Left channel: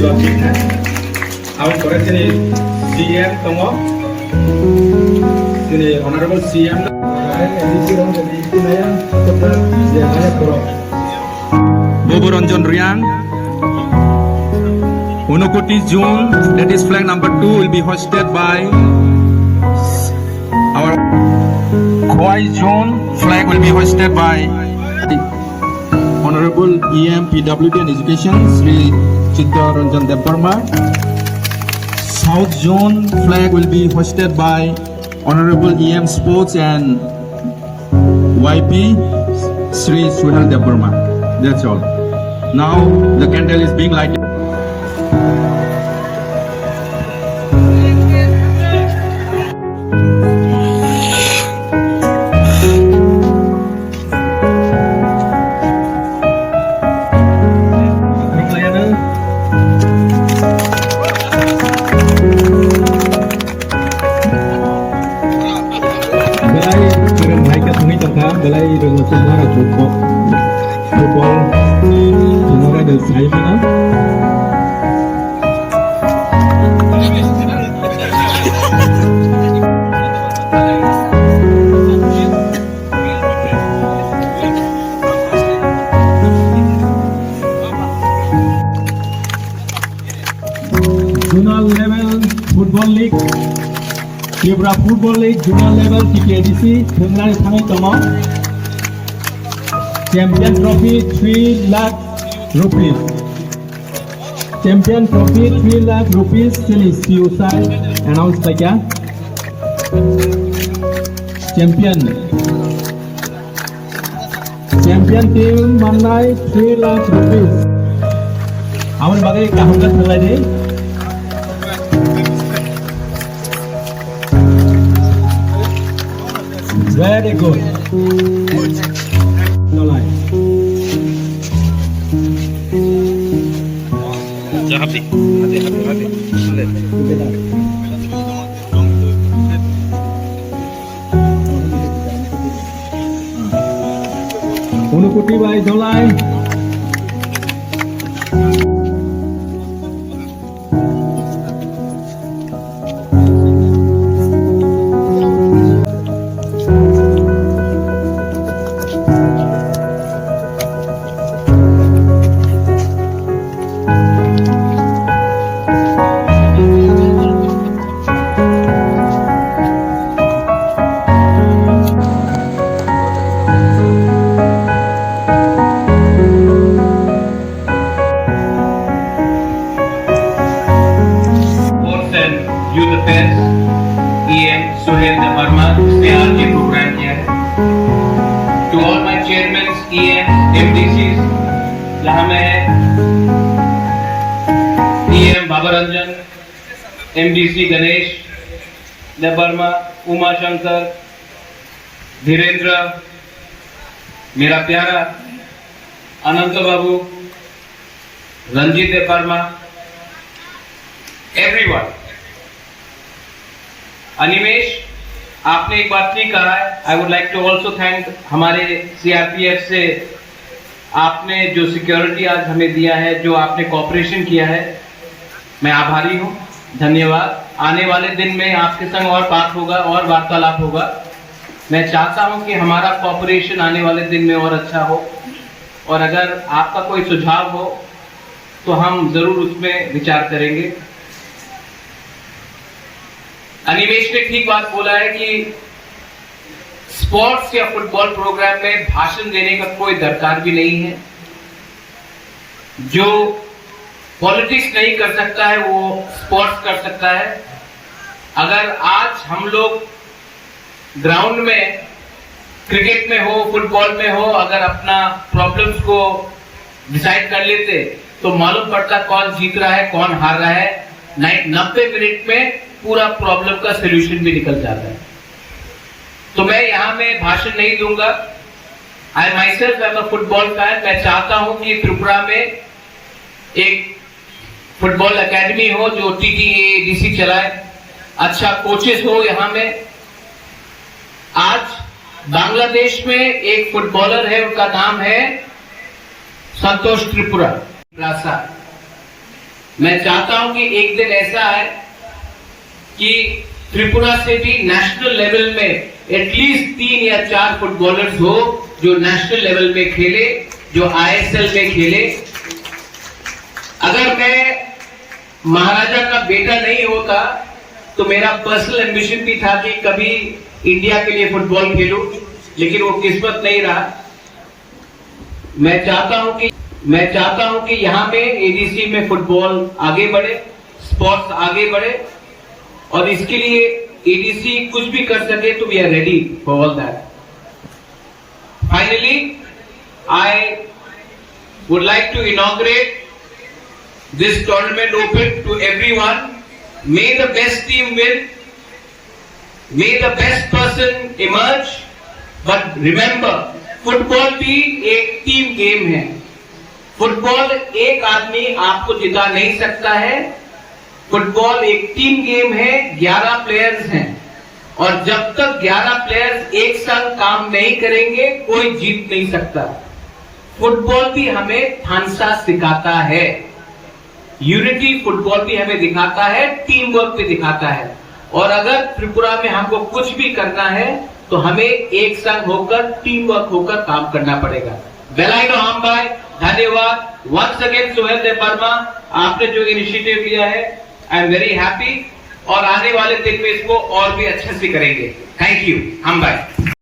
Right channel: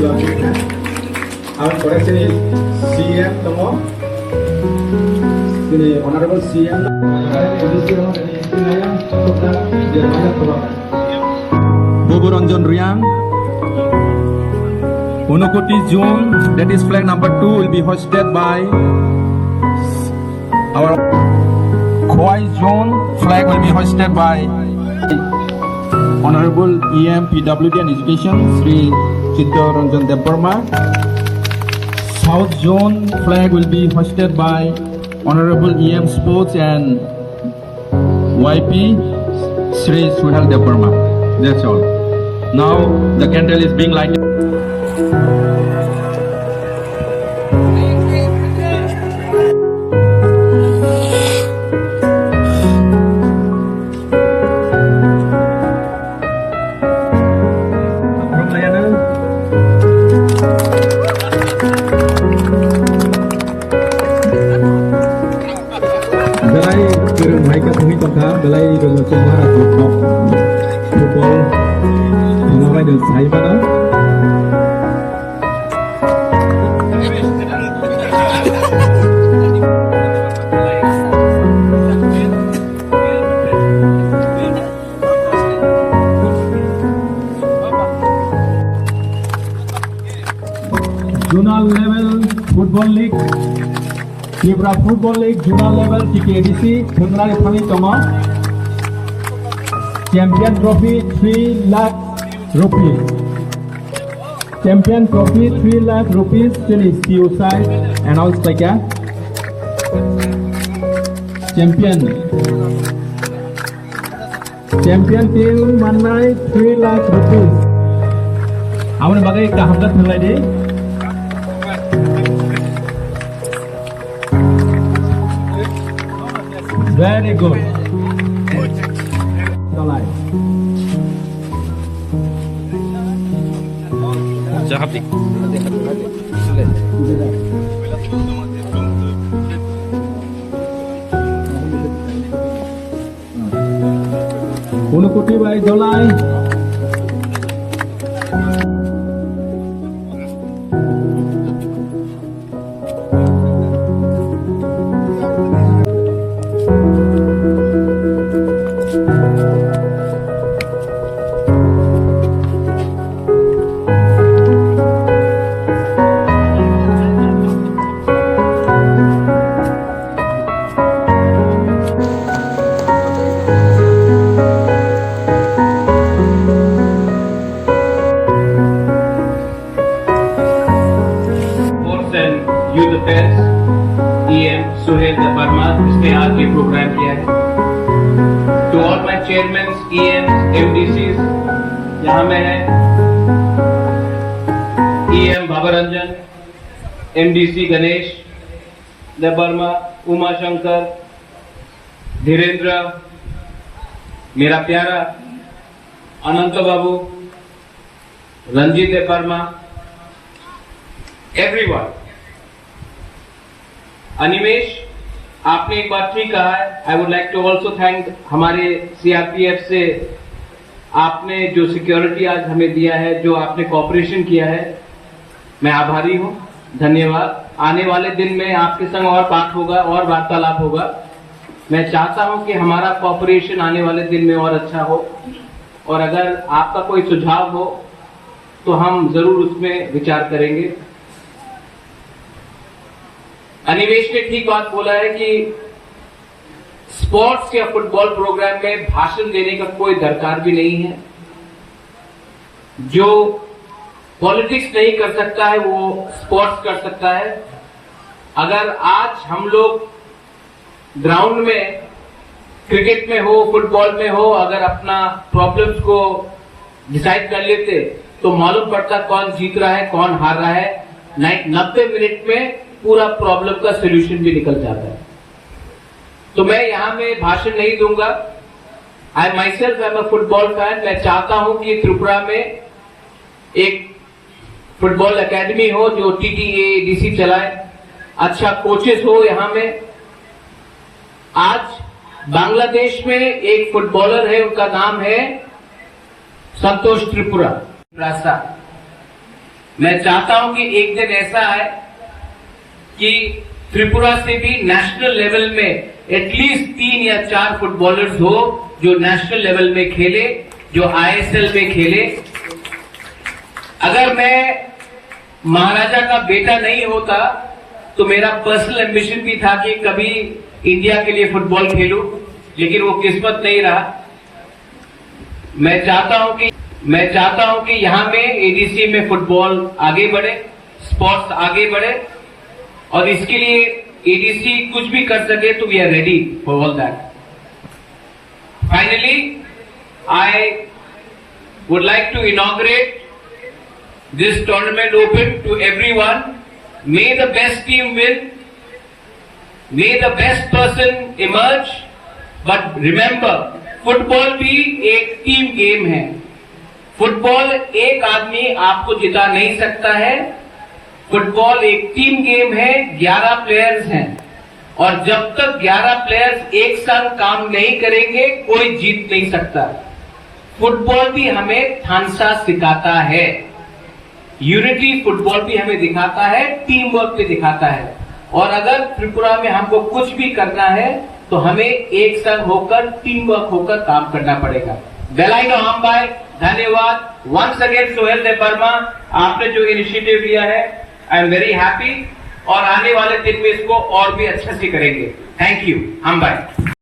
logiknya. Awak korek sini CM tunggu. Sini Honorable CM. Edisi orang dari Inaya Kota Jaya Pura. Bobo Ranjan Rian. Unokoti Zone, that is flag number 2, will be hosted by our Khoi Zone. Flag will be hosted by Honorable EM PWD and Education Sri Chitta Ranjan Debarma. South Zone flag will be hosted by Honorable EM Sports and YP Sri Suhal Debarma. That's all. Now the candle is being lighted. Belai trường hai cái thông tin trong khám belai trường một số là chụp bọc football nó phải được xây mà nó Zonal level football league Tripura Football League Zonal Level TKDC Thungrani Thami Tomo Champion Trophy 3 lakh rupees Champion Trophy 3 lakh rupees still is CUSI announced by क्या Champion team Manai 3 lakh rupees आमने बागे कहाँ तक थलाइ दे Very good. Dolai. Hati. Unokoti by Dolai. Youth Affairs EM Suhail Debarma इसने आज ये programme किया है. To all my chairmen, EM, MDCs यहाँ में है EM बाबा रंजन, MDC गणेश देबर्मा, उमा शंकर, धीरेन्द्र, मेरा प्यारा अनंत बाबू, रंजीत देबर्मा, everyone. अनिमेश आपने एक बात नहीं कहा है. I would like to also thank हमारे CRPF से आपने जो सिक्योरिटी आज हमें दिया है, जो आपने कॉपरेशन किया है, मैं आभारी हूँ. धन्यवाद. आने वाले दिन में आपके संग और बात होगा और वार्तालाप होगा. मैं चाहता हूँ कि हमारा कॉपरेशन आने वाले दिन में और अच्छा हो, और अगर आपका कोई सुझाव हो तो हम जरूर उसमें विचार करेंगे. अनिमेश ने ठीक बात बोला है कि स्पोर्ट्स या फुटबॉल प्रोग्राम में भाषण देने का कोई दरकार भी नहीं है. जो पॉलिटिक्स नहीं कर सकता है वो स्पोर्ट्स कर सकता है. अगर आज हम लोग ग्राउंड में क्रिकेट में हो, फुटबॉल में हो, अगर अपना प्रॉब्लम्स को डिसाइड कर लेते तो मालूम पड़ता कौन जीत रहा है, कौन हार रहा है. 90 मिनट में पूरा प्रॉब्लम का सलूशन भी निकल जाता है. तो मैं यहाँ में भाषण नहीं दूंगा. I myself am a football fan. मैं चाहता हूं कि त्रिपुरा में एक फुटबॉल एकेडमी हो जो TTADC चलाए, अच्छा कोचेस हो. यहाँ में आज बांग्लादेश में एक फुटबॉलर है, उनका नाम है संतोष त्रिपुरा. मैं चाहता हूं कि एक दिन ऐसा है कि त्रिपुरा से भी नेशनल लेवल में एटलीस्ट 3 या 4 फुटबॉलर्स हो जो नेशनल लेवल में खेले, जो ISL में खेले। अगर मैं महाराजा का बेटा नहीं होता तो मेरा पर्सनल एम्बिशन भी था कि कभी इंडिया के लिए फुटबॉल खेलूं, लेकिन वो किस्मत नहीं रहा। मैं चाहता हूं कि यहां में एडीसी में फुटबॉल आगे बढ़े, स्पोर्ट्स आगे बढ़े, और इसके लिए एडीसी कुछ भी कर सके तो we are ready for all that. Finally I would like to inaugurate this tournament open to everyone. May the best team win. May the best person emerge. But remember, football भी एक team game है। Football एक आदमी आपको जिता नहीं सकता है। फुटबॉल एक टीम गेम है, 11 प्लेयर्स हैं, और जब तक 11 प्लेयर्स एक साथ काम नहीं करेंगे कोई जीत नहीं सकता। फुटबॉल भी हमें थानसा सिखाता है, यूनिटी फुटबॉल भी हमें दिखाता है, टीम वर्क भी दिखाता है। और अगर त्रिपुरा में हमको कुछ भी करना है तो हमें एक संग होकर, टीम वर्क होकर काम करना पड़ेगा। वेलाइनो हाम्बाई, धन्यवाद। वंस अगेन सोहेल देबबर्मा, आपने जो इनिशिएटिव लिया है आई एम वेरी हैप्पी, और आने वाले दिन में इसको और भी अच्छे से करेंगे। Thank you हाम्बाई।